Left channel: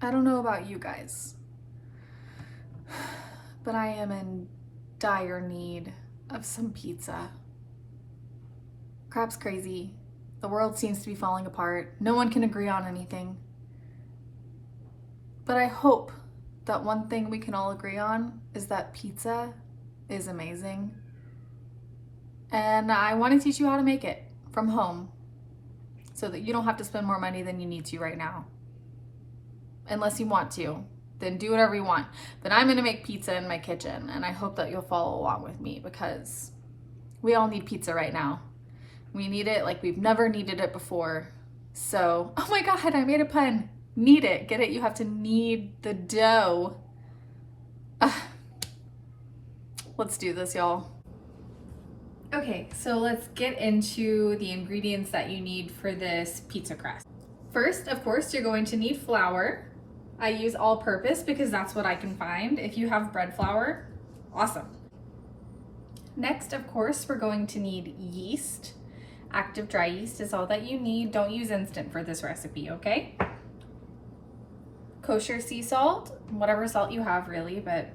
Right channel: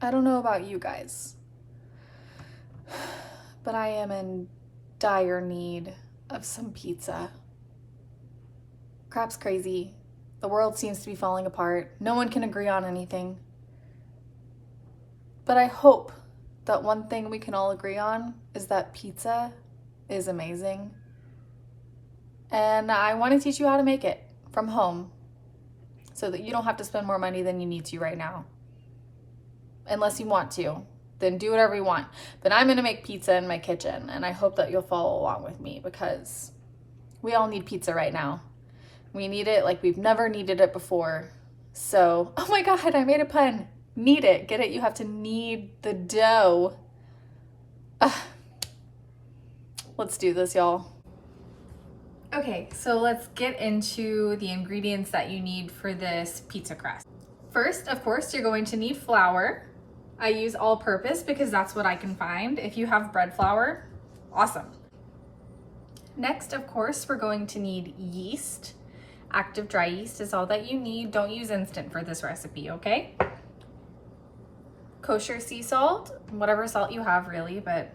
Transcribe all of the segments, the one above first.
I don't know about you guys, but I am in dire need of some pizza. Crap's crazy. The world seems to be falling apart. No one can agree on anything. But I hope that one thing we can all agree on is that pizza is amazing. And I want to teach you how to make it from home so that you don't have to spend more money than you need to right now. Unless you want to, then do whatever you want. But I'm gonna make pizza in my kitchen, and I hope that you'll follow along with me because we all need pizza right now. We need it like we've never needed it before. So, oh my God, I made a pun. Knead it, get it? You have to knead the dough. Let's do this, y'all. Okay, so let's get into the ingredients that you need for this pizza crust. First, of course, you're going to need flour. I use all-purpose because that's what I can find. If you have bread flour, awesome. Next, of course, we're going to need yeast. Active dry yeast is all that you need. Don't use instant for this recipe, okay? Kosher sea salt, whatever salt you have really, but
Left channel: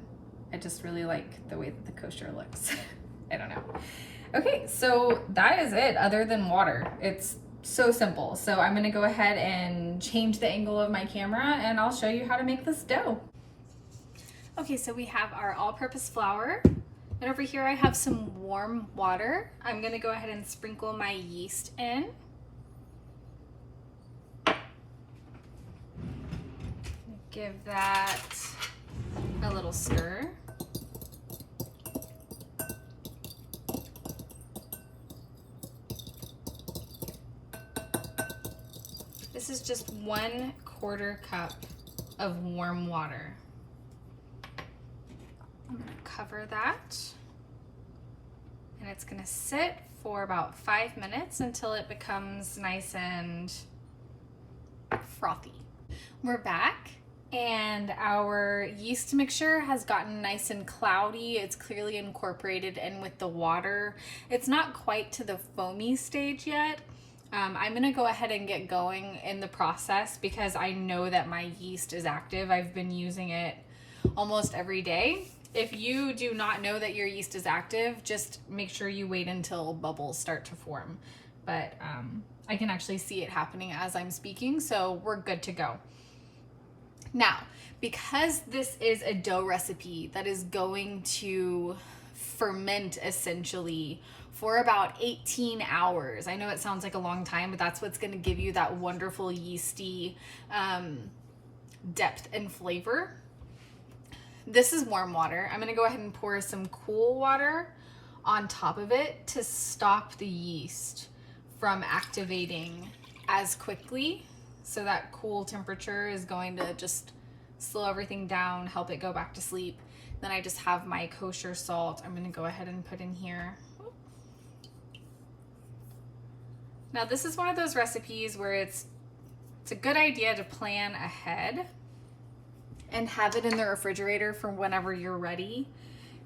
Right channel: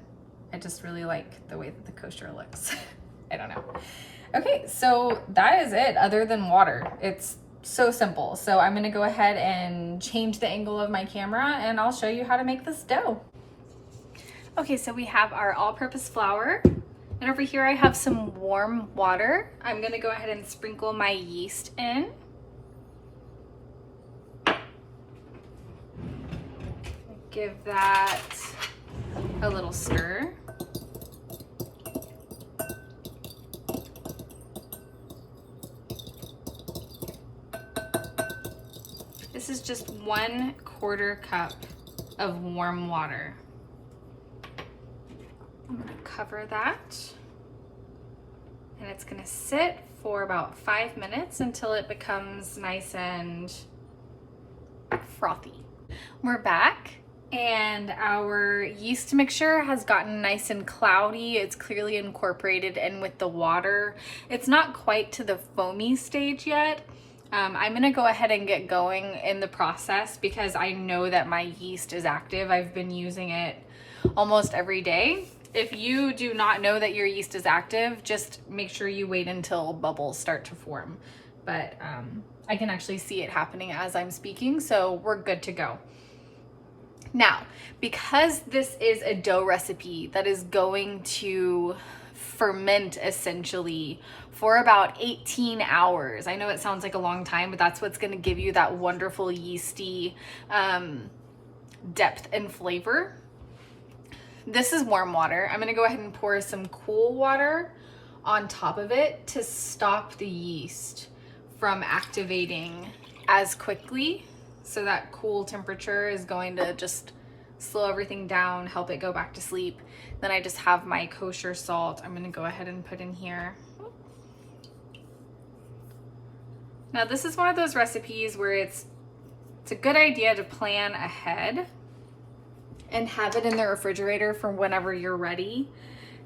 I just really like the way that the kosher looks. I don't know. Okay, so that is it other than water. It's so simple. So I'm gonna go ahead and change the angle of my camera and I'll show you how to make this dough. Okay, so we have our all-purpose flour. And over here I have some warm water. I'm gonna go ahead and sprinkle my yeast in. Give that a little stir. This is just 1/4 cup of warm water. I'm gonna cover that and it's gonna sit for about 5 minutes until it becomes nice and frothy. We're back and our yeast mixture has gotten nice and cloudy. It's clearly incorporated in with the water. It's not quite to the foamy stage yet. I'm gonna go ahead and get going in the process because I know that my yeast is active. I've been using it almost every day. If you do not know that your yeast is active, just make sure you wait until bubbles start to form. But I can actually see it happening as I'm speaking, so we're good to go. Now, because this is a dough recipe that is going to ferment essentially for about 18 hours. I know it sounds like a long time, but that's what's gonna give you that wonderful yeasty depth and flavor. This is warm water. I'm gonna go ahead and pour some cool water on top of it to stop the yeast from activating as quickly. So that cool temperature is going to just slow everything down, help it go back to sleep. Then I just have my kosher salt. I'm gonna go ahead and put in here. Now this is one of those recipes where it's a good idea to plan ahead and have it in the refrigerator for whenever you're ready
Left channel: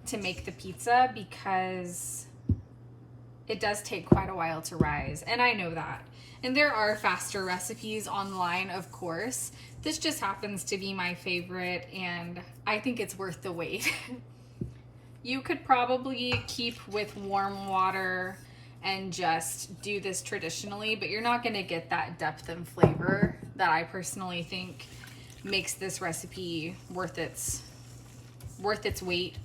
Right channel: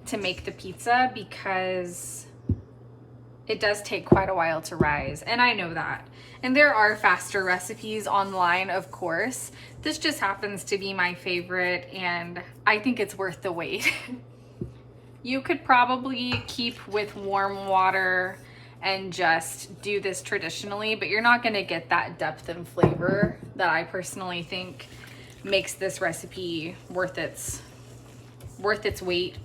to make the pizza because it does take quite a while to rise, and I know that. And there are faster recipes online, of course. This just happens to be my favorite, and I think it's worth the wait. You could probably keep with warm water and just do this traditionally, but you're not gonna get that depth and flavor that I personally think makes this recipe worth its weight.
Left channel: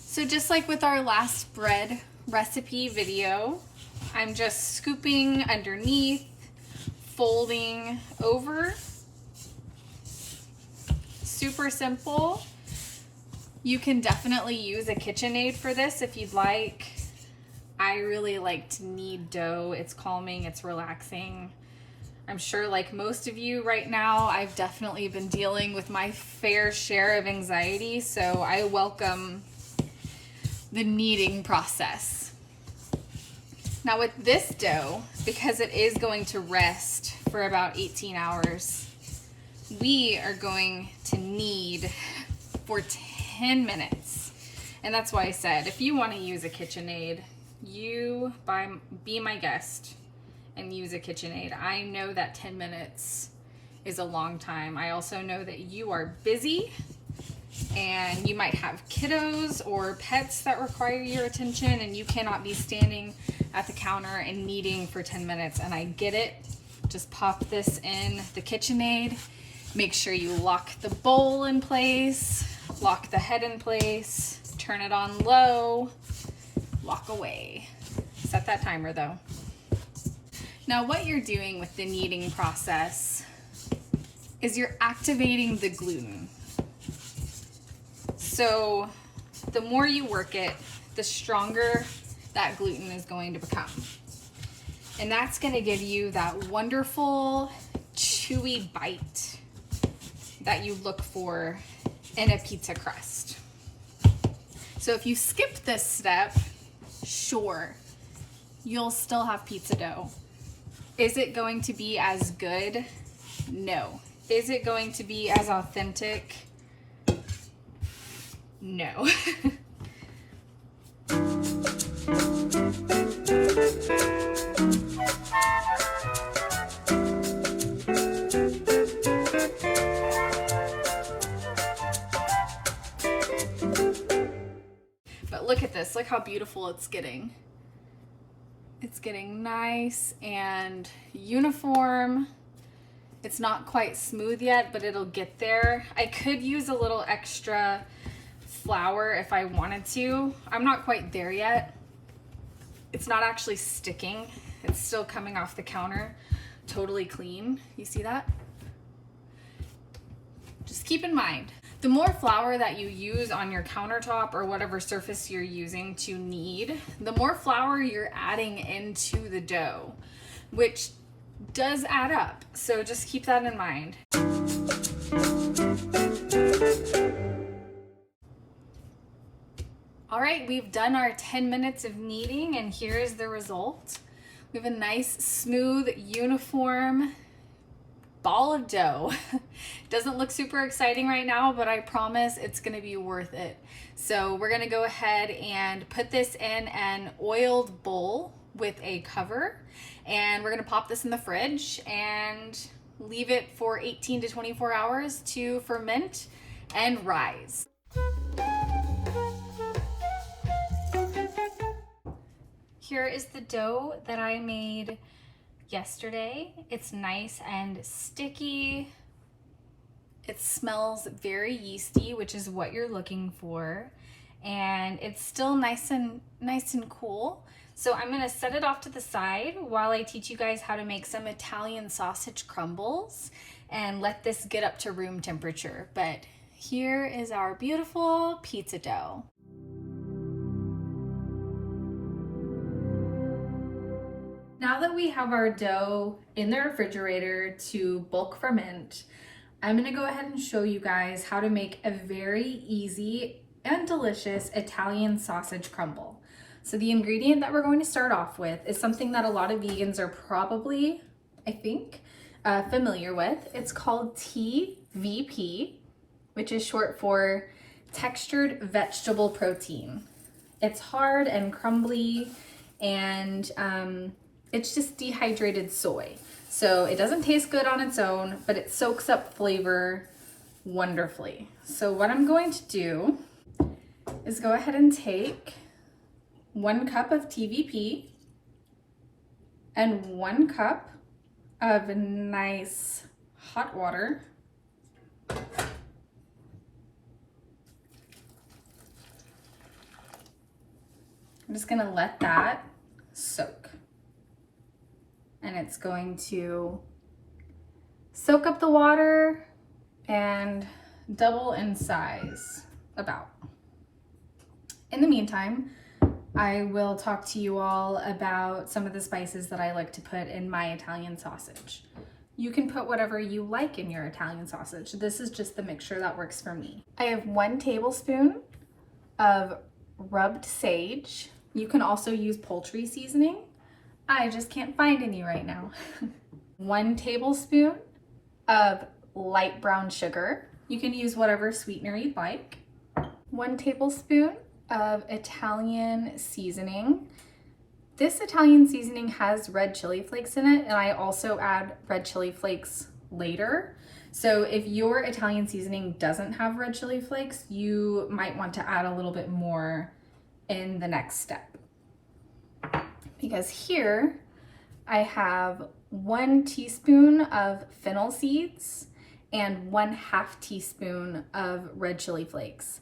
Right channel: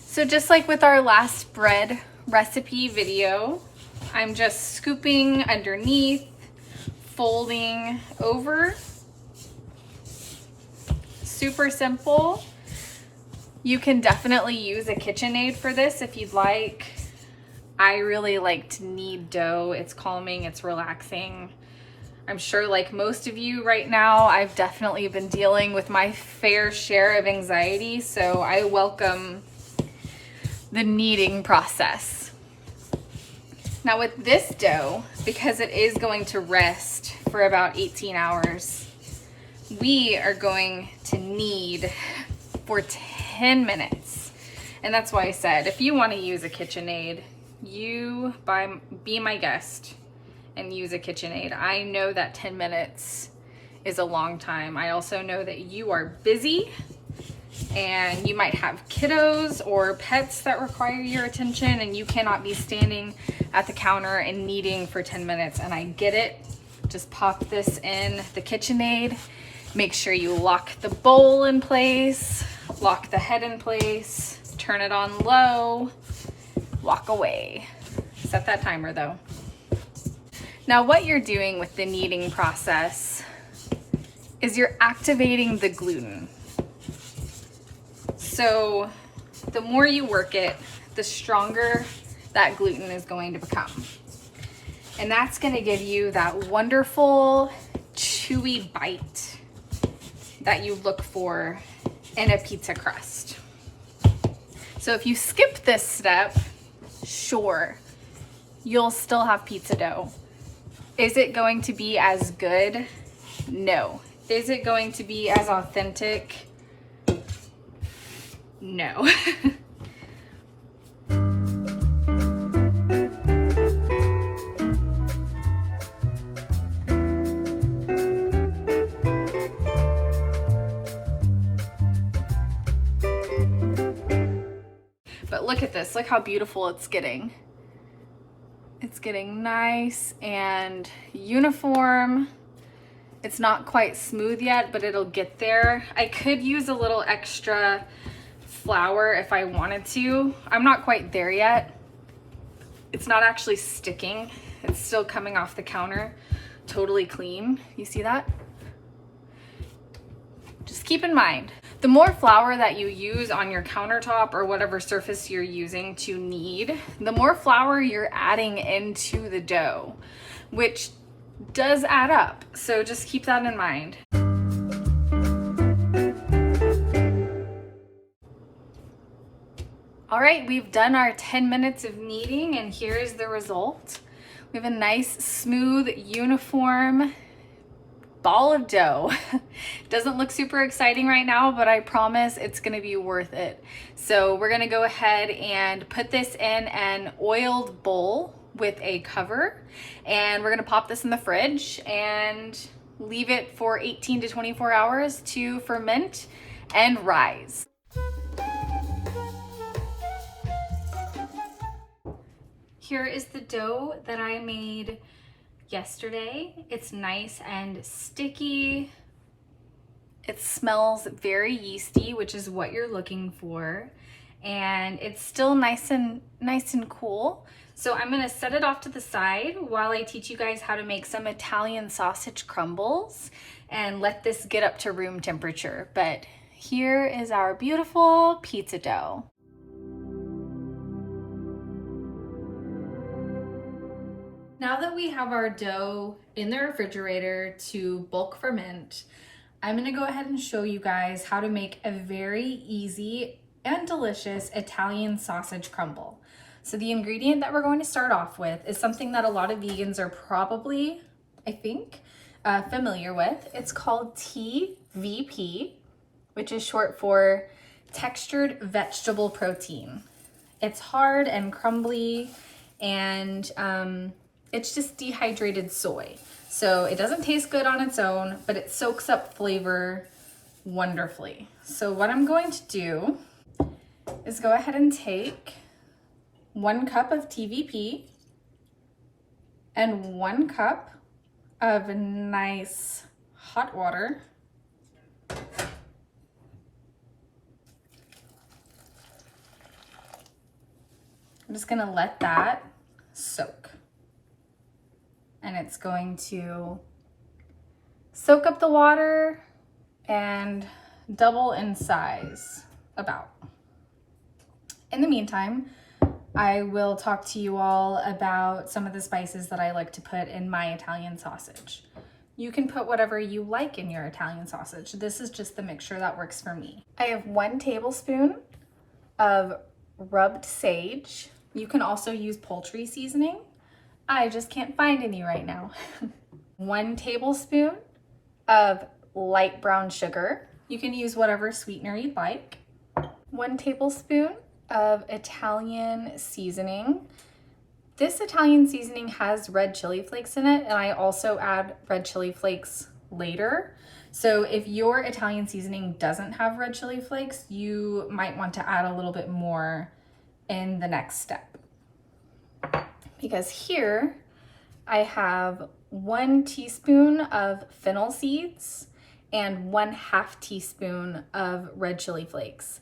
So just like with our last bread recipe video, I'm just scooping underneath, folding over. Super simple. You can definitely use a KitchenAid for this if you'd like. I really like to knead dough. It's calming, it's relaxing. I'm sure like most of you right now, I've definitely been dealing with my fair share of anxiety, so I welcome the kneading process. Now with this dough, because it is going to rest for about 18 hours, we are going to knead for 10 minutes. And that's why I said, if you want to use a KitchenAid, be my guest and use a KitchenAid. I know that 10 minutes is a long time. I also know that you are busy and you might have kiddos or pets that require your attention, and you cannot be standing at the counter and kneading for 10 minutes. And I get it. Just pop this in the KitchenAid. Make sure you lock the bowl in place, lock the head in place, turn it on low, walk away. Set that timer though. Now what you're doing with the kneading process is you're activating the gluten. So the more you work it, the stronger that gluten is going to become. And that's going to give you that wonderful chewy bite that you look for in a pizza crust. So if you skip this step, sure, you'll still have pizza dough. Is it going to be as good? No. Is it going to be as authentic? No. But look at this, look how beautiful it's getting. It's getting nice and uniform. It's not quite smooth yet, but it'll get there. I could use a little extra flour if I wanted to. I'm not quite there yet. It's not actually sticking. It's still coming off the counter totally clean. You see that? Just keep in mind, the more flour that you use on your countertop or whatever surface you're using to knead, the more flour you're adding into the dough, which does add up. So just keep that in mind. All right, we've done our 10 minutes of kneading, and here's the result. We have a nice, smooth, uniform ball of dough. Doesn't look super exciting right now, but I promise it's gonna be worth it. So we're gonna go ahead and put this in an oiled bowl with a cover, and we're gonna pop this in the fridge and leave it for 18 to 24 hours to ferment and rise. Here is the dough that I made yesterday. It's nice and sticky. It smells very yeasty, which is what you're looking for. And it's still nice and cool. So I'm gonna set it off to the side while I teach you guys how to make some Italian sausage crumbles and let this get up to room temperature. But here is our beautiful pizza dough. Now that we have our dough in the refrigerator to bulk ferment, I'm gonna go ahead and show you guys how to make a very easy and delicious Italian sausage crumble. So the ingredient that we're going to start off with is something that a lot of vegans are probably, I think, familiar with. It's called TVP, which is short for textured vegetable protein. It's hard and crumbly, and it's just dehydrated soy. So it doesn't taste good on its own, but it soaks up flavor wonderfully. So what I'm going to do is go ahead and take 1 cup of TVP and 1 cup of nice hot water. I'm just gonna let that soak. And it's going to soak up the water and double in size about. In the meantime, I will talk to you all about some of the spices that I like to put in my Italian sausage. You can put whatever you like in your Italian sausage. This is just the mixture that works for me. I have 1 tablespoon of rubbed sage. You can also use poultry seasoning. I just can't find any right now. 1 tablespoon of light brown sugar. You can use whatever sweetener you'd like. 1 tablespoon of Italian seasoning. This Italian seasoning has red chili flakes in it, and I also add red chili flakes later. So if your Italian seasoning doesn't have red chili flakes, you might want to add a little bit more in the next step. Because here I have 1 teaspoon of fennel seeds and 1/2 teaspoon of red chili flakes.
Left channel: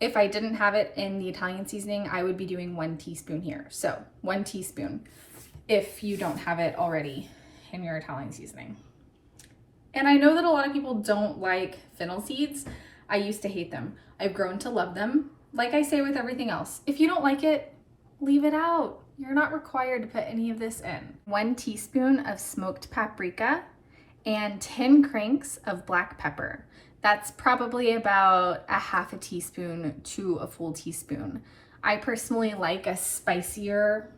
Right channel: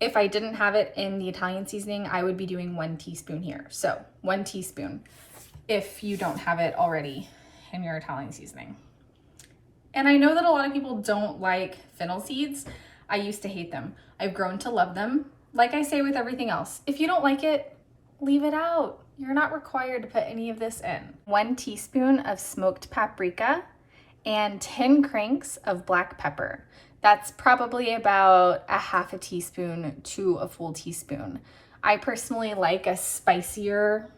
If I didn't have it in the Italian seasoning, I would be doing 1 teaspoon here. So 1 teaspoon if you don't have it already in your Italian seasoning. And I know that a lot of people don't like fennel seeds. I used to hate them. I've grown to love them. Like I say with everything else, if you don't like it, leave it out. You're not required to put any of this in. 1 teaspoon of smoked paprika and 10 cranks of black pepper. That's probably about 1/2 teaspoon to a full teaspoon. I personally like a spicier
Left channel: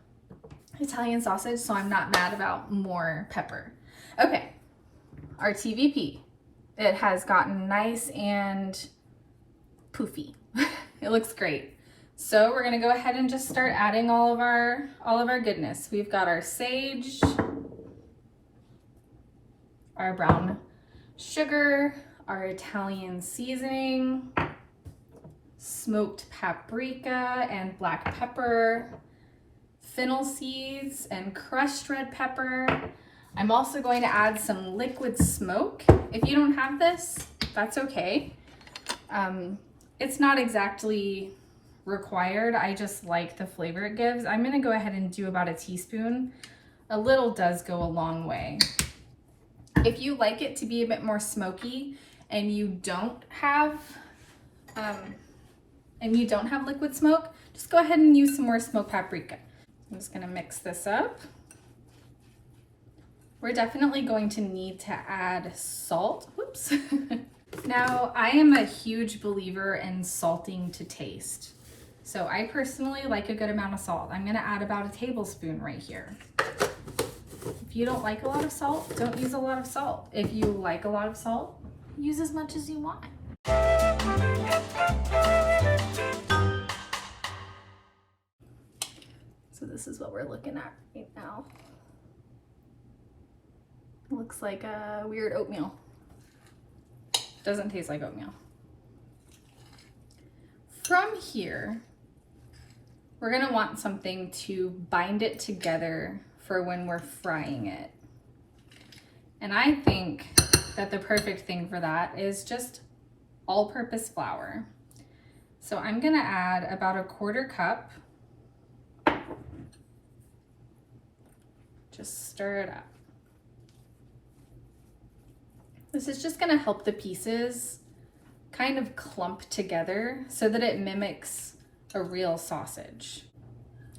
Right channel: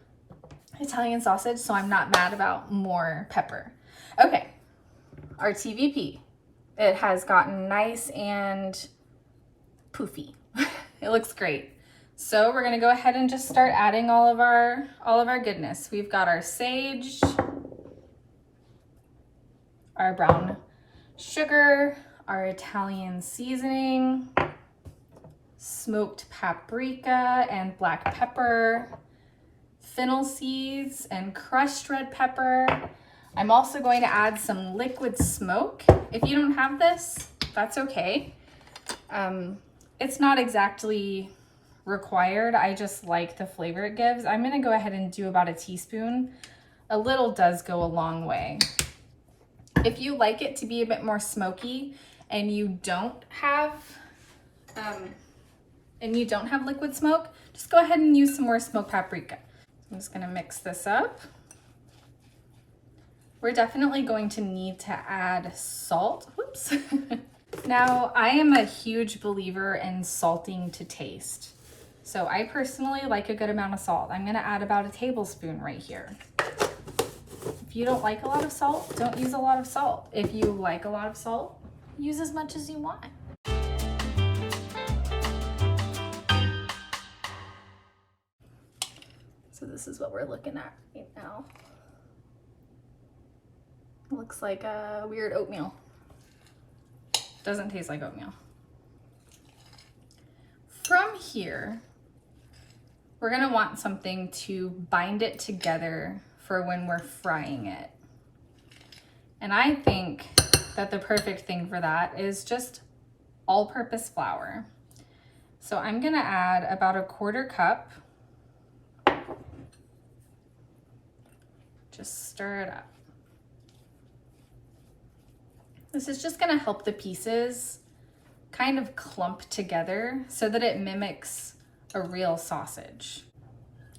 Italian sausage, so I'm not mad about more pepper. Okay, our TVP. It has gotten nice and poofy. It looks great. So we're gonna go ahead and just start adding all of our goodness. We've got our sage, our brown sugar, our Italian seasoning, smoked paprika and black pepper, fennel seeds and crushed red pepper. I'm also going to add some liquid smoke. If you don't have this, that's okay. It's not exactly required. I just like the flavor it gives. I'm gonna go ahead and do about a teaspoon. A little does go a long way. If you like it to be a bit more smoky and you don't have liquid smoke, just go ahead and use some more smoked paprika. I'm just gonna mix this up. We're definitely going to need to add salt. Whoops. Now, I am a huge believer in salting to taste. So I personally like a good amount of salt. I'm gonna add about a tablespoon right here. If you don't like a lot of salt, don't use a lot of salt. If you like a lot of salt, use as much as you want. So this is what we're looking at right now. Looks like a weird oatmeal. Doesn't taste like oatmeal. From here, we're gonna want something to bind it together for when we're frying it. And I think that the perfect thing for that is just all-purpose flour. So I'm gonna add about a 1/4 cup. Just stir it up. This is just gonna help the pieces kind of clump together so that it mimics a real sausage.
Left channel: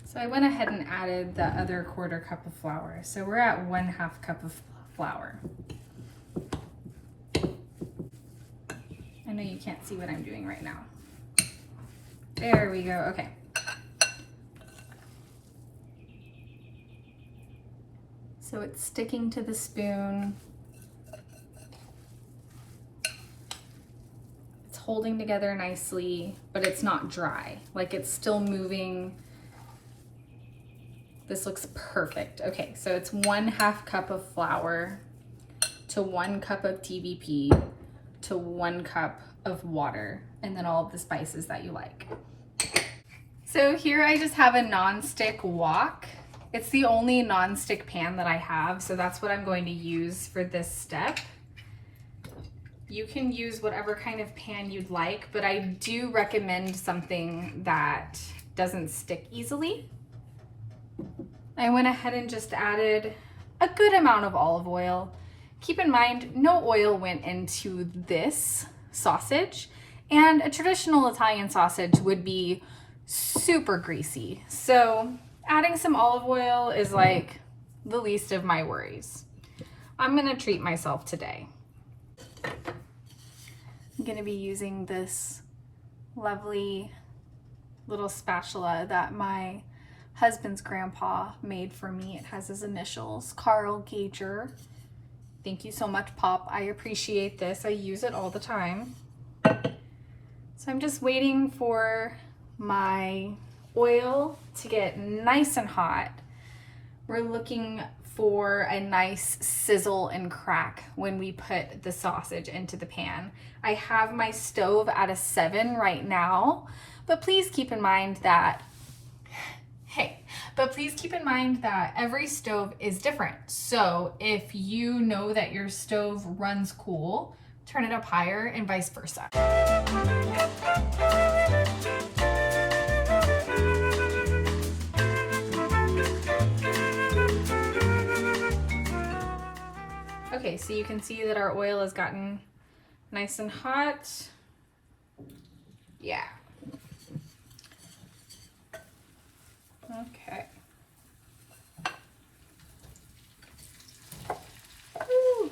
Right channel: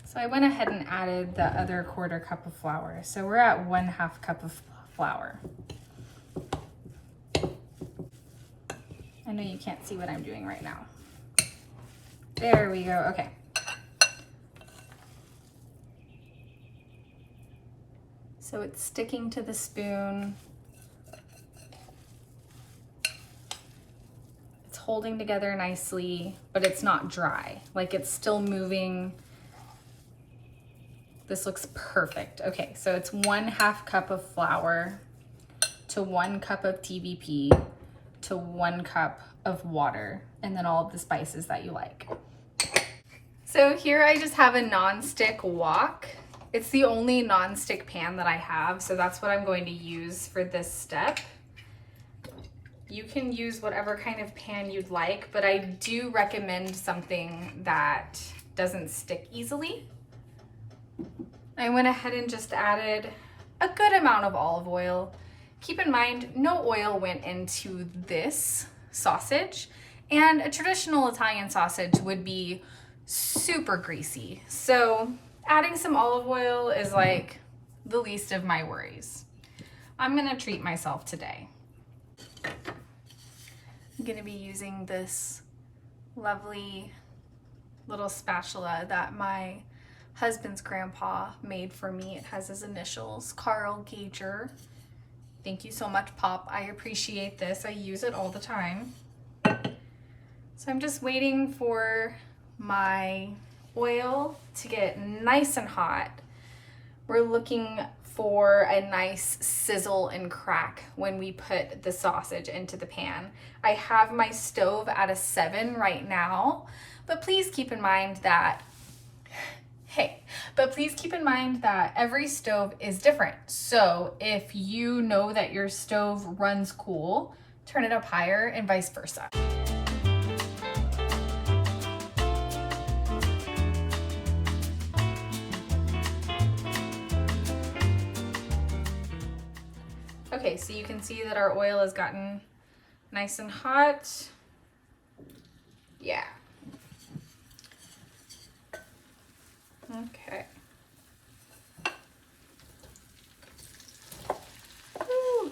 So I went ahead and added the other 1/4 cup of flour. So we're at 1/2 cup of flour. I know you can't see what I'm doing right now. There we go, okay. So it's sticking to the spoon. It's holding together nicely, but it's not dry. Like it's still moving. This looks perfect. Okay, so it's 1/2 cup of flour to 1 cup of TVP to 1 cup of water, and then all of the spices that you like. So here I just have a non-stick wok. It's the only non-stick pan that I have, so that's what I'm going to use for this step. You can use whatever kind of pan you'd like, but I do recommend something that doesn't stick easily. I went ahead and just added a good amount of olive oil. Keep in mind, no oil went into this sausage, and a traditional Italian sausage would be super greasy. So adding some olive oil is like the least of my worries. I'm gonna treat myself today. I'm gonna be using this lovely little spatula that my husband's grandpa made for me. It has his initials, Carl Gager. Thank you so much, Pop. I appreciate this. I use it all the time. So I'm just waiting for my oil to get nice and hot. We're looking for a nice sizzle and crack when we put the sausage into the pan. I have my stove at a 7 right now, but please keep in mind that every stove is different. So if you know that your stove runs cool, turn it up higher and vice versa. Okay, so you can see that our oil has gotten nice and hot. Yeah. Okay. Woo.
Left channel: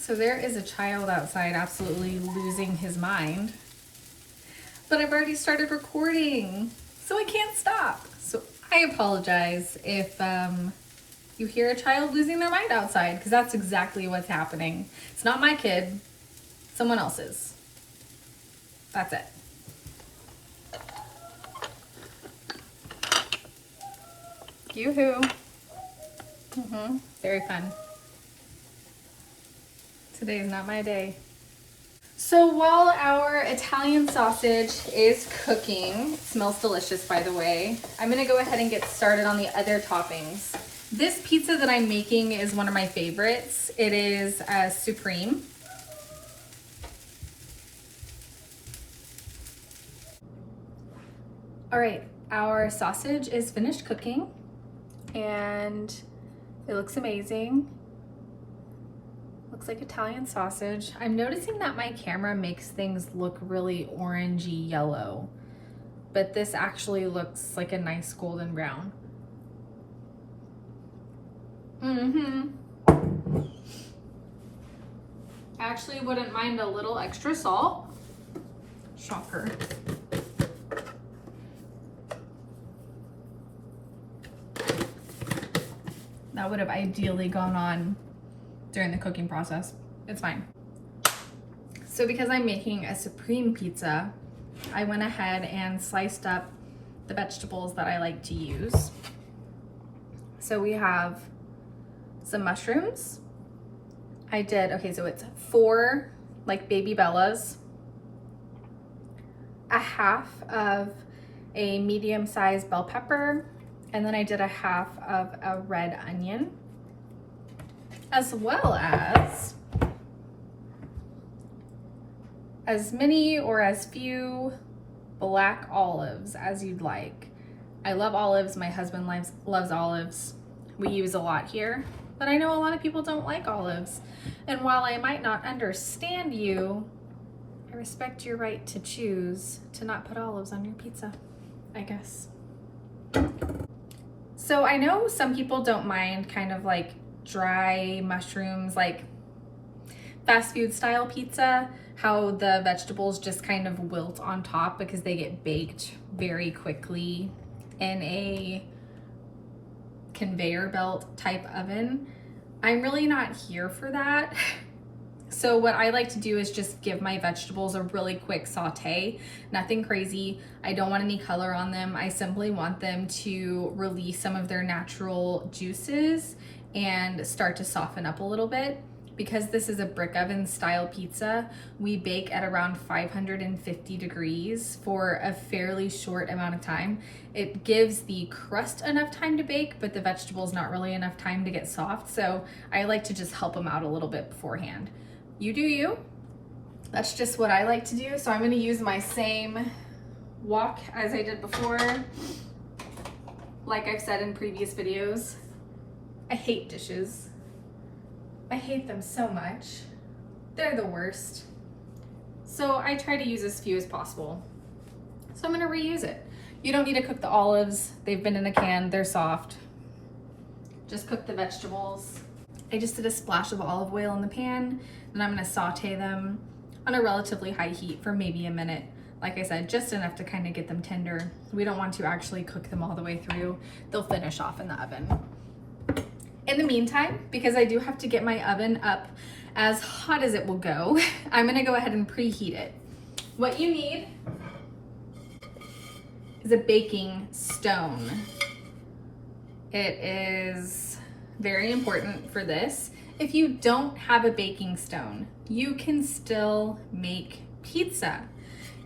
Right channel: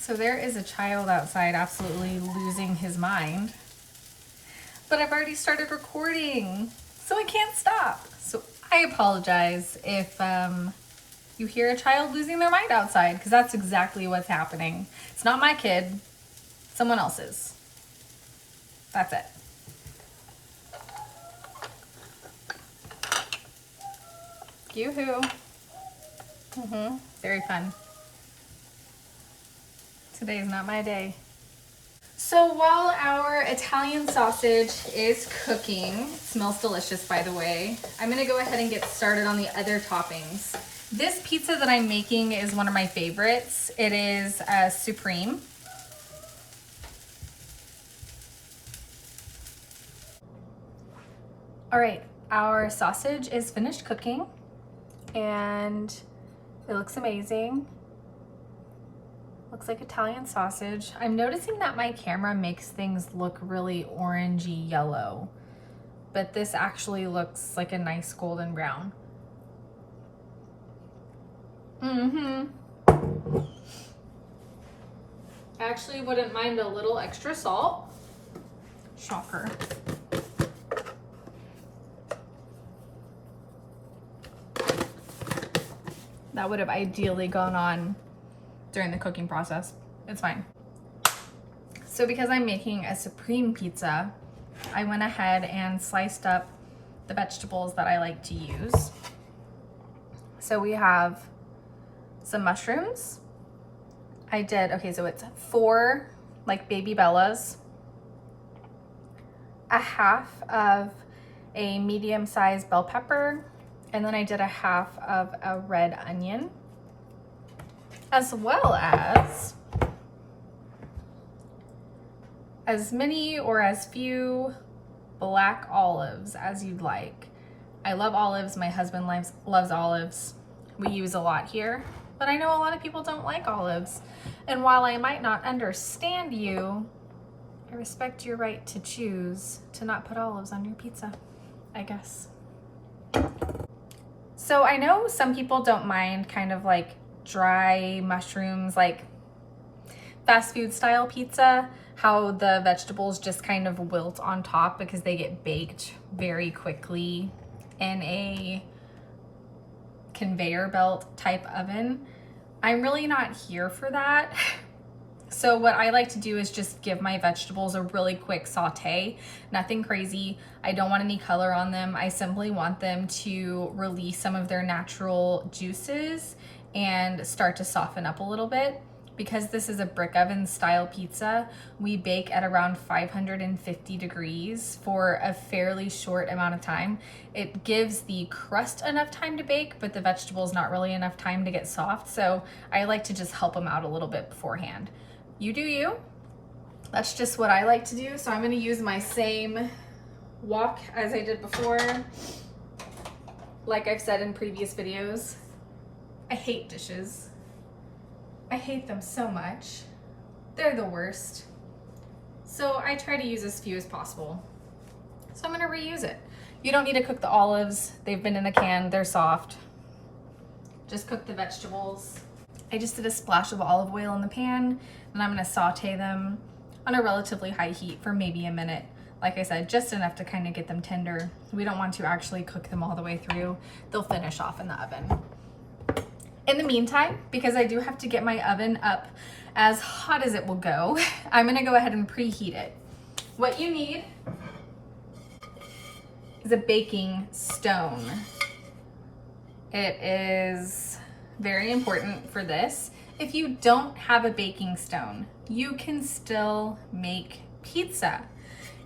So there is a child outside absolutely losing his mind. But I've already started recording, so I can't stop. So I apologize if you hear a child losing their mind outside, because that's exactly what's happening. It's not my kid, someone else's. That's it. Yoo-hoo. Very fun. Today is not my day. So while our Italian sausage is cooking, it smells delicious by the way, I'm gonna go ahead and get started on the other toppings. This pizza that I'm making is one of my favorites. It is supreme. All right, our sausage is finished cooking and it looks amazing. Looks like Italian sausage. I'm noticing that my camera makes things look really orangey yellow, but this actually looks like a nice golden brown. I actually wouldn't mind a little extra salt. Shocker. That would have ideally gone on during the cooking process. It's fine. So because I'm making a supreme pizza, I went ahead and sliced up the vegetables that I like to use. So we have some mushrooms. So it's 4 like baby bellas, a half of a medium-sized bell pepper, and then I did a half of a red onion, as well as many or as few black olives as you'd like. I love olives. My husband loves olives. We use a lot here, but I know a lot of people don't like olives. And while I might not understand you, I respect your right to choose to not put olives on your pizza, I guess. So I know some people don't mind kind of like dry mushrooms, like fast food style pizza, how the vegetables just kind of wilt on top because they get baked very quickly in a conveyor belt type oven. I'm really not here for that. So what I like to do is just give my vegetables a really quick saute, nothing crazy. I don't want any color on them. I simply want them to release some of their natural juices and start to soften up a little bit. Because this is a brick oven style pizza, we bake at around 550 degrees for a fairly short amount of time. It gives the crust enough time to bake, but the vegetables not really enough time to get soft. So I like to just help them out a little bit beforehand. You do you. That's just what I like to do. So I'm gonna use my same wok as I did before. Like I've said in previous videos, I hate dishes. I hate them so much. They're the worst. So I try to use as few as possible. So I'm gonna reuse it. You don't need to cook the olives. They've been in a can, they're soft. Just cook the vegetables. I just did a splash of olive oil in the pan, and I'm gonna saute them on a relatively high heat for maybe a minute. Like I said, just enough to kind of get them tender. We don't want to actually cook them all the way through. They'll finish off in the oven. In the meantime, because I do have to get my oven up as hot as it will go, I'm gonna go ahead and preheat it. What you need is a baking stone. It is very important for this. If you don't have a baking stone, you can still make pizza.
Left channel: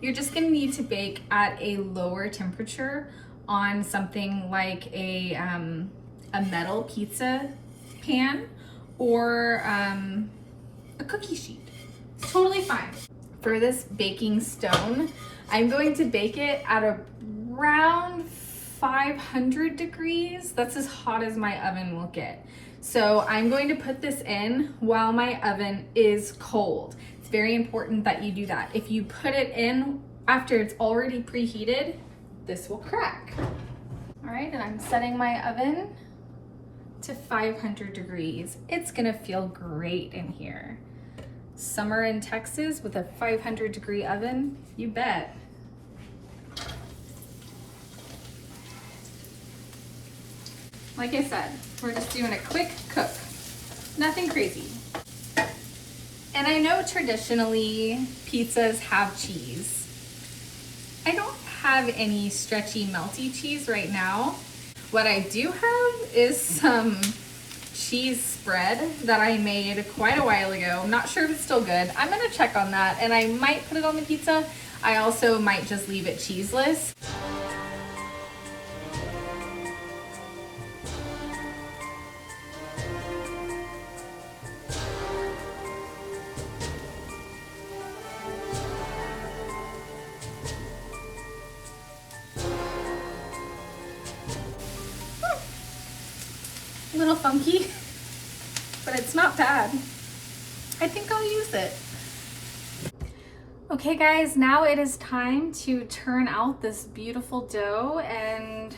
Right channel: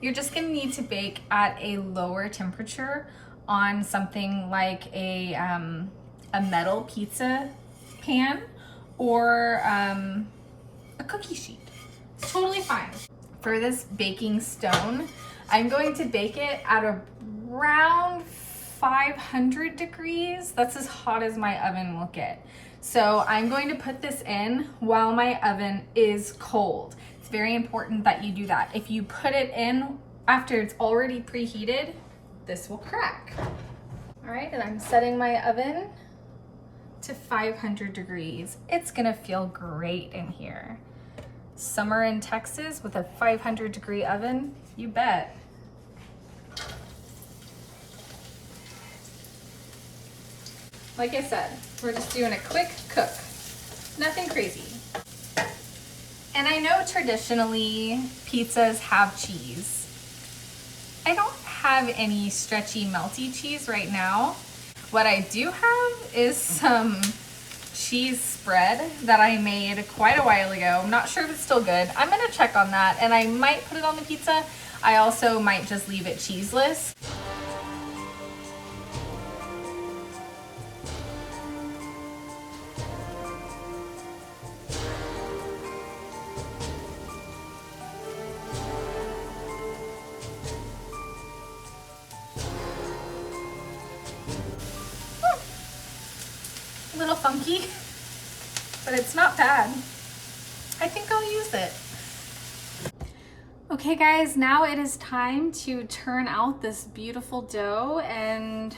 You're just gonna need to bake at a lower temperature on something like a metal pizza pan or a cookie sheet. It's totally fine. For this baking stone, I'm going to bake it at around 500 degrees. That's as hot as my oven will get. So I'm going to put this in while my oven is cold. It's very important that you do that. If you put it in after it's already preheated, this will crack. All right, and I'm setting my oven to 500 degrees. It's gonna feel great in here. Summer in Texas with a 500 degree oven, you bet. Like I said, we're just doing a quick cook, nothing crazy. And I know traditionally pizzas have cheese. I don't have any stretchy melty cheese right now. What I do have is some cheese spread that I made quite a while ago. I'm not sure if it's still good. I'm gonna check on that, and I might put it on the pizza. I also might just leave it cheeseless. A little funky, but it's not bad. I think I'll use it. Okay guys, now it is time to turn out this beautiful dough and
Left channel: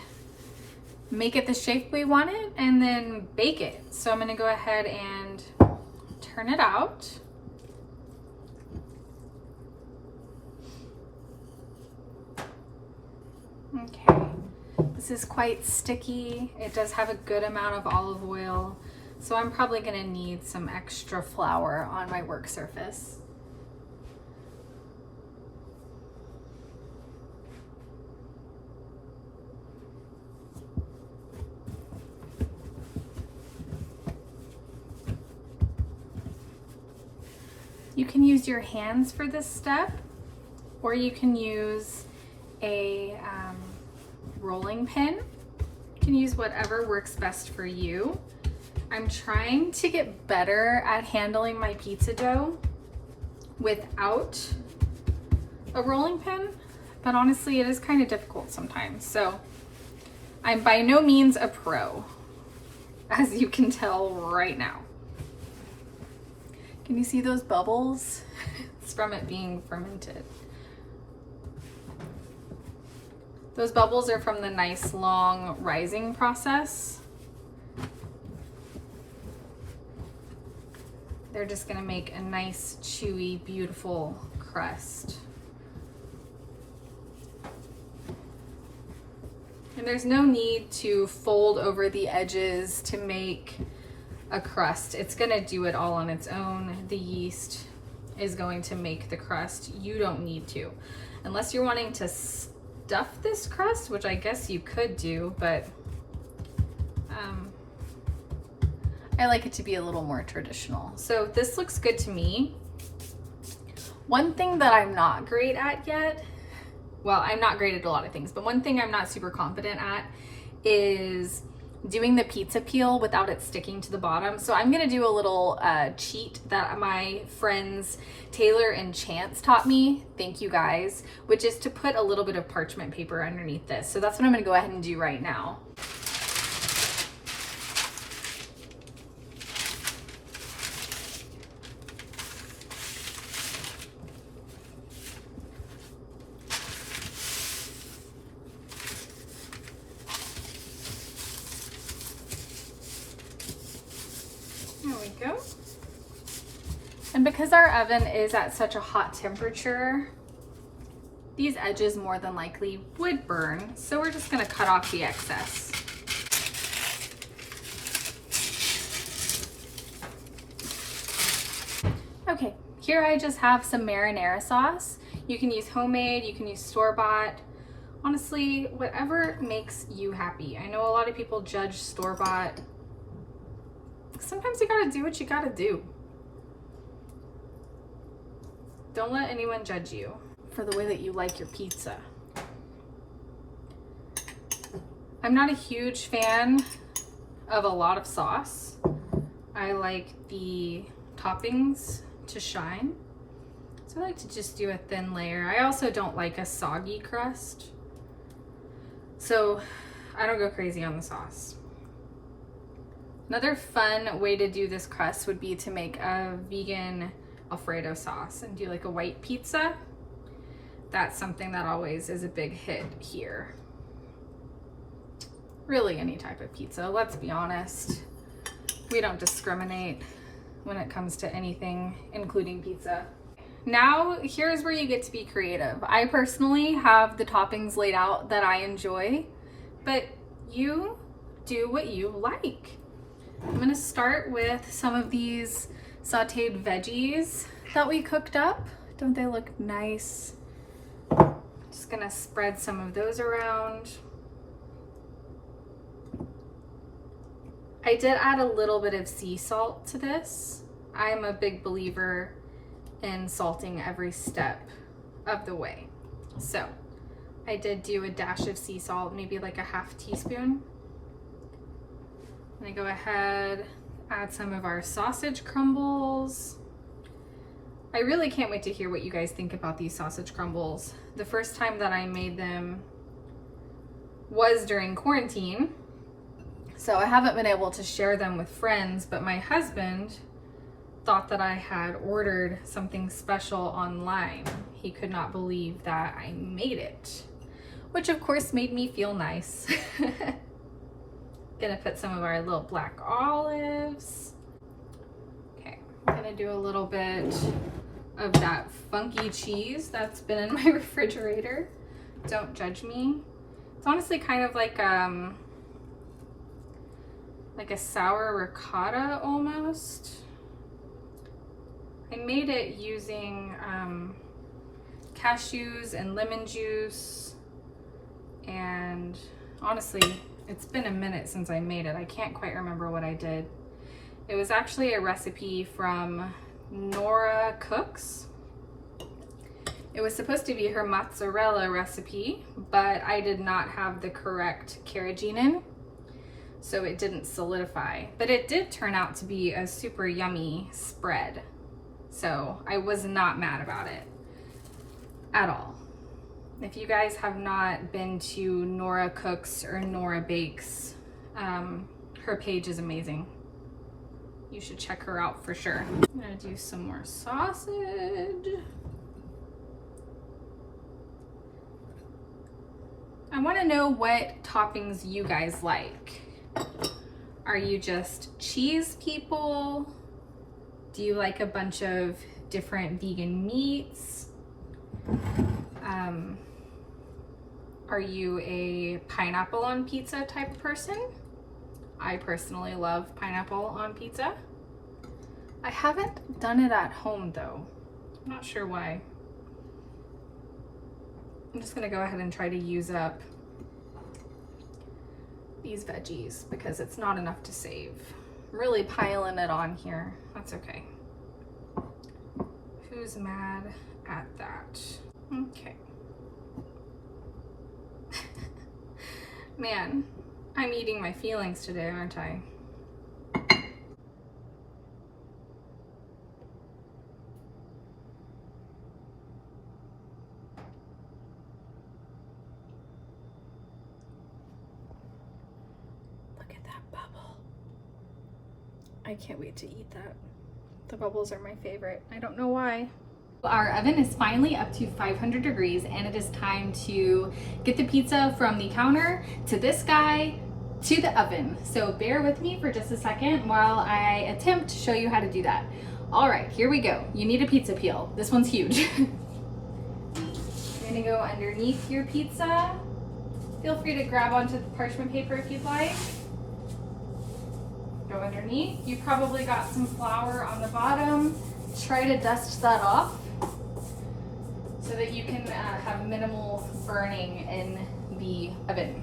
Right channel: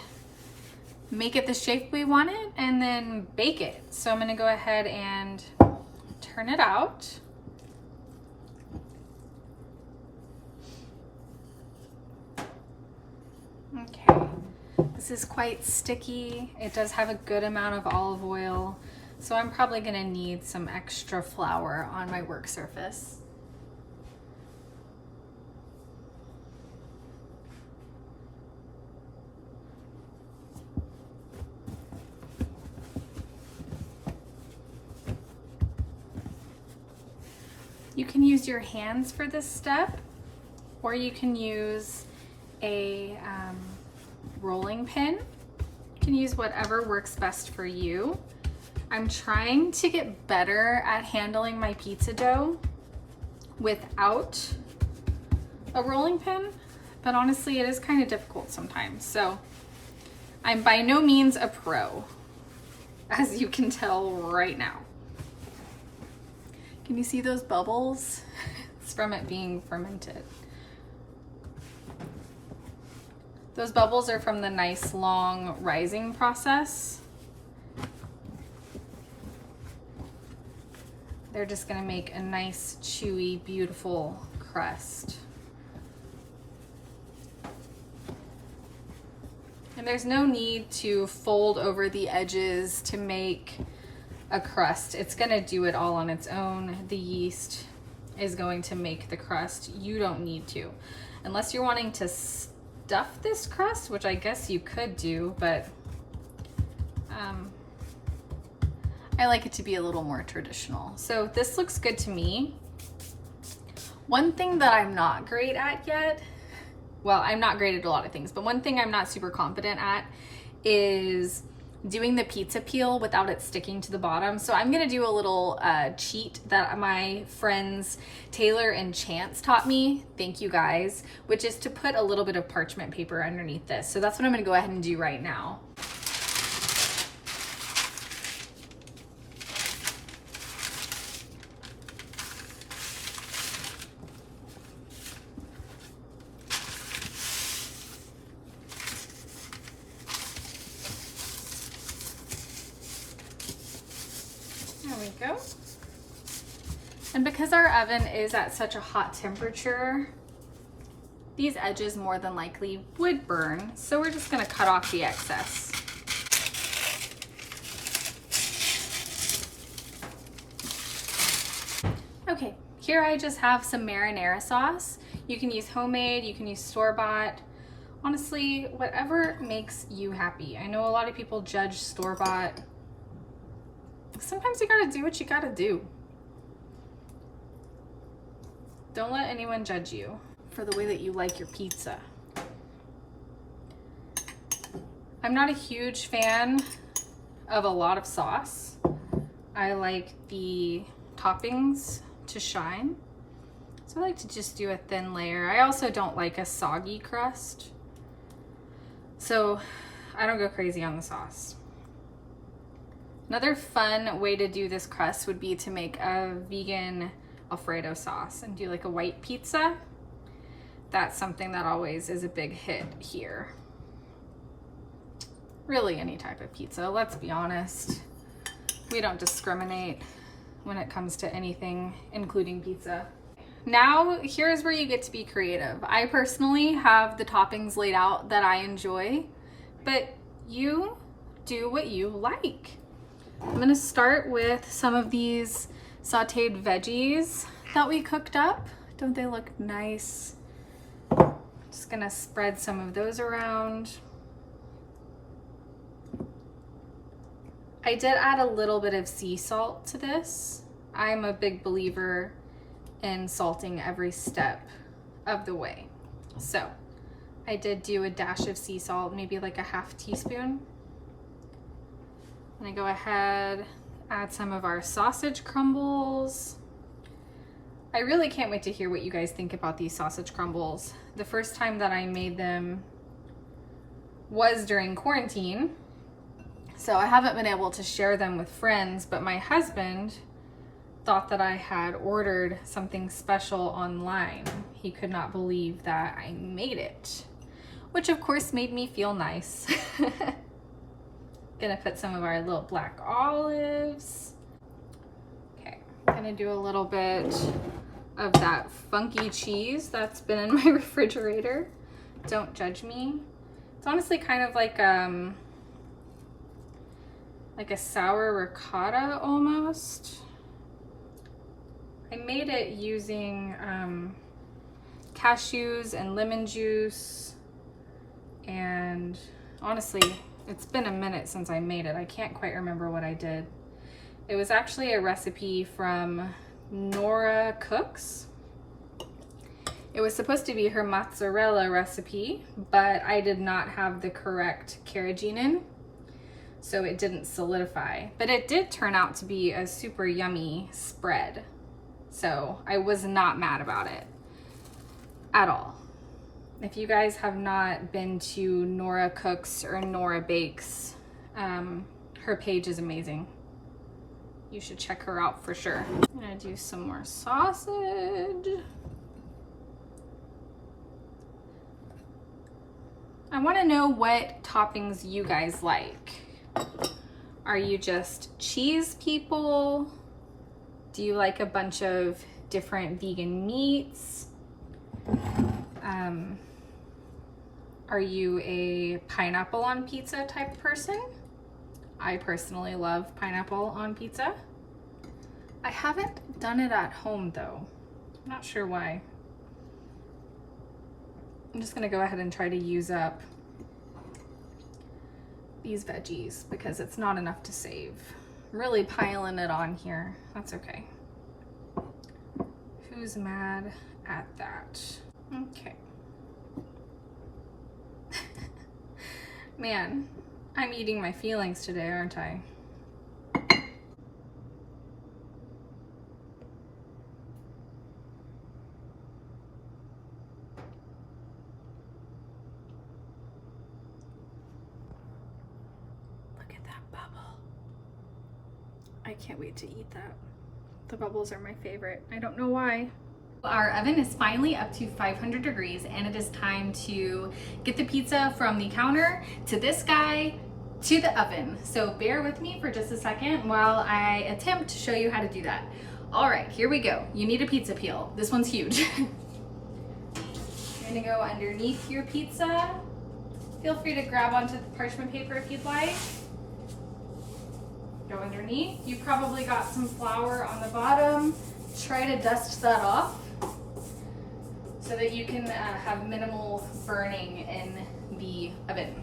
make it the shape we want it and then bake it. So I'm gonna go ahead and turn it out. Okay. This is quite sticky. It does have a good amount of olive oil, so I'm probably gonna need some extra flour on my work surface. You can use your hands for this step, or you can use a rolling pin. You can use whatever works best for you. I'm trying to get better at handling my pizza dough without a rolling pin, but honestly it is kind of difficult sometimes. So I'm by no means a pro, as you can tell right now. Can you see those bubbles? It's from it being fermented. Those bubbles are from the nice long rising process. They're just gonna make a nice, chewy, beautiful crust. And there's no need to fold over the edges to make a crust. It's gonna do it all on its own. The yeast is going to make the crust. You don't need to. Unless you're wanting to stuff this crust, which I guess you could do, but I like it to be a little more traditional. So this looks good to me. One thing that I'm not great at yet, well, I'm not great at a lot of things, but one thing I'm not super confident at is doing the pizza peel without it sticking to the bottom. So I'm gonna do a little cheat that my friends Taylor and Chance taught me, thank you guys, which is to put a little bit of parchment paper underneath this. So that's what I'm gonna go ahead and do right now. There we go. And because our oven is at such a hot temperature, these edges more than likely would burn. So we're just gonna cut off the excess. Okay, here I just have some marinara sauce. You can use homemade, you can use store-bought. Honestly, whatever makes you happy. I know a lot of people judge store-bought. Sometimes you gotta do what you gotta do. Don't let anyone judge you for the way that you like your pizza. I'm not a huge fan of a lot of sauce. I like the toppings to shine. So I like to just do a thin layer. I also don't like a soggy crust. So I don't go crazy on the sauce. Another fun way to do this crust would be to make a vegan Alfredo sauce and do like a white pizza. That's something that always is a big hit here. Really any type of pizza, let's be honest. We don't discriminate when it comes to anything, including pizza. Now, here's where you get to be creative. I personally have the toppings laid out that I enjoy, but you do what you like. I'm gonna start with some of these sauteed veggies that we cooked up. Don't they look nice? Just gonna spread some of those around. I did add a little bit of sea salt to this. I'm a big believer in salting every step of the way. So I did do a dash of sea salt, maybe like a half teaspoon. And I go ahead, add some of our sausage crumbles. I really can't wait to hear what you guys think about these sausage crumbles. The first time that I made them was during quarantine, so I haven't been able to share them with friends, but my husband thought that I had ordered something special online. He could not believe that I made it, which of course made me feel nice. Gonna put some of our little black olives. Okay, I'm gonna do a little bit of that funky cheese that's been in my refrigerator. Don't judge me. It's honestly kind of like a sour ricotta almost. I made it using cashews and lemon juice, and honestly, it's been a minute since I made it. I can't quite remember what I did. It was actually a recipe from Nora Cooks. It was supposed to be her mozzarella recipe, but I did not have the correct carrageenan, so it didn't solidify. But it did turn out to be a super yummy spread. So I was not mad about it at all. If you guys have not been to Nora Cooks or Nora Bakes, her page is amazing. You should check her out for sure. I'm gonna do some more sausage. I wanna know what toppings you guys like. Are you just cheese people? Do you like a bunch of different vegan meats? Are you a pineapple on pizza type person? I personally love pineapple on pizza. I haven't done it at home though. I'm not sure why. I'm just gonna go ahead and try to use up these veggies because it's not enough to save. I'm really piling it on here. That's okay. Who's mad at that? Okay. Man, I'm eating my feelings today, aren't I? Look at that bubble. I can't wait to eat that. The bubbles are my favorite. I don't know why. Our oven is finally up to 500 degrees and it is time to get the pizza from the counter to this guy to the oven. So bear with me for just a second while I attempt to show you how to do that. All right, here we go. You need a pizza peel. This one's huge. You're gonna go underneath your pizza. Feel free to grab onto the parchment paper if you'd like. Go underneath. You probably got some flour on the bottom. Try to dust that off so that you can have minimal burning in the oven.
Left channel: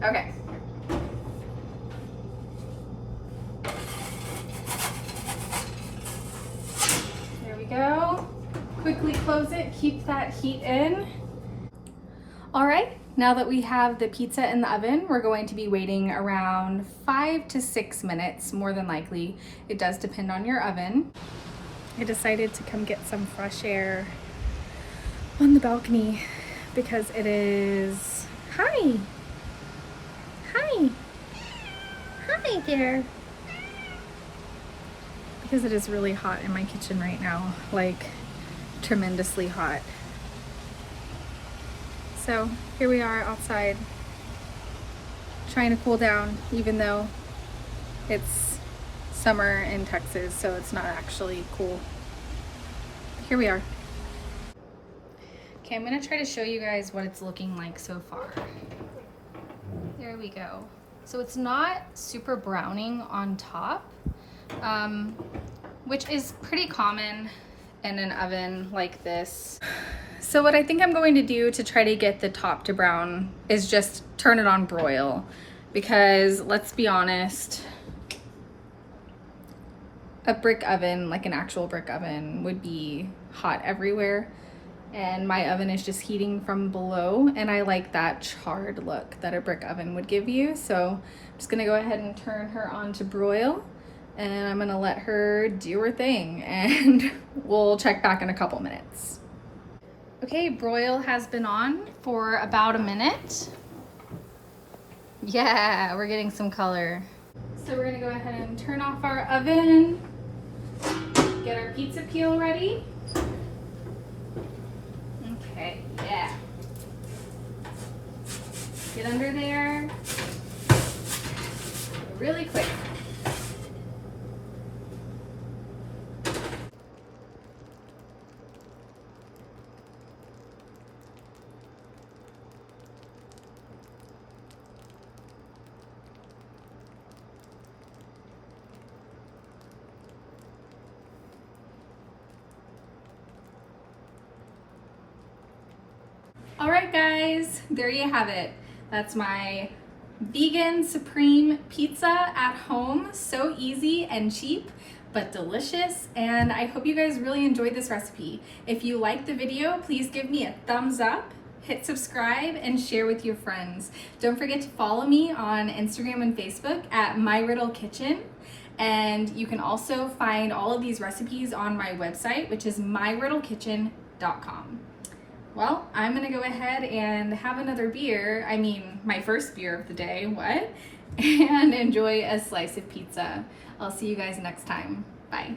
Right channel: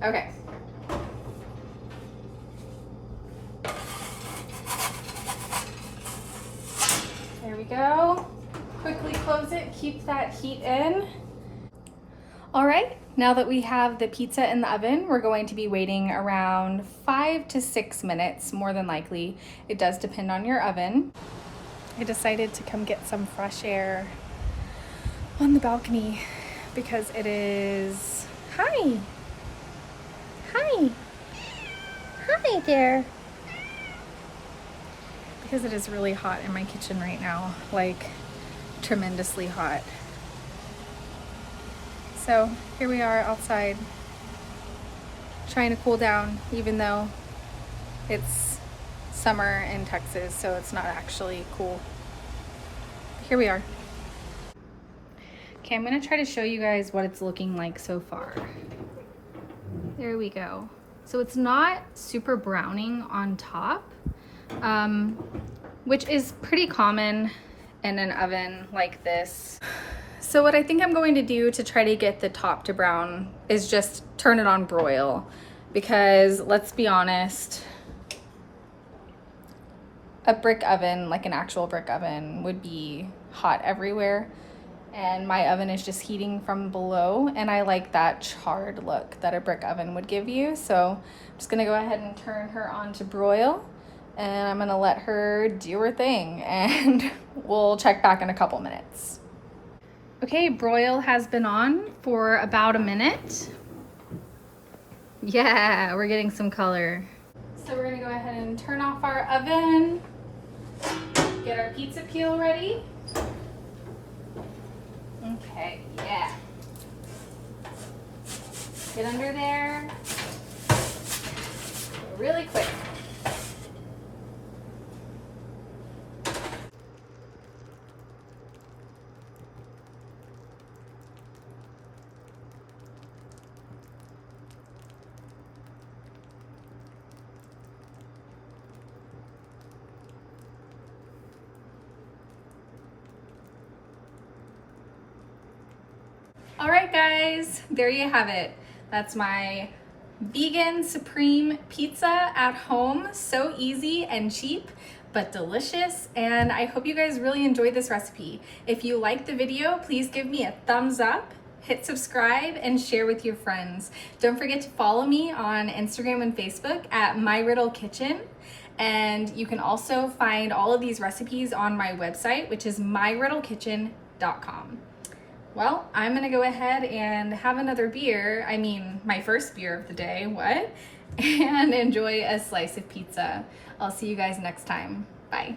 Okay. There we go. Quickly close it, keep that heat in. All right, now that we have the pizza in the oven, we're going to be waiting around 5 to 6 minutes, more than likely. It does depend on your oven. I decided to come get some fresh air on the balcony because it is, hi there. Because it is really hot in my kitchen right now, like tremendously hot. So here we are outside trying to cool down, even though it's summer in Texas, so it's not actually cool. But here we are. Okay, I'm gonna try to show you guys what it's looking like so far. There we go. So it's not super browning on top, which is pretty common in an oven like this. So what I think I'm going to do to try to get the top to brown is just turn it on broil, because let's be honest, a brick oven, like an actual brick oven, would be hot everywhere. And my oven is just heating from below, and I like that charred look that a brick oven would give you. So I'm just gonna go ahead and turn her on to broil, and I'm gonna let her do her thing, and we'll check back in a couple minutes. Okay, broil has been on for about a minute. Yeah, we're getting some color. So we're gonna go ahead and turn off our oven, get our pizza peel ready. Okay, yeah. Get under there really quick. All right, guys, there you have it. That's my vegan supreme pizza at home. So easy and cheap, but delicious. And I hope you guys really enjoyed this recipe. If you liked the video, please give me a thumbs up, hit subscribe, and share with your friends. Don't forget to follow me on Instagram and Facebook at My Riddle Kitchen. And you can also find all of these recipes on my website, which is myriddlekitchen.com. Well, I'm gonna go ahead and have another beer, I mean my first beer of the day, and enjoy a slice of pizza. I'll see you guys next time. Bye.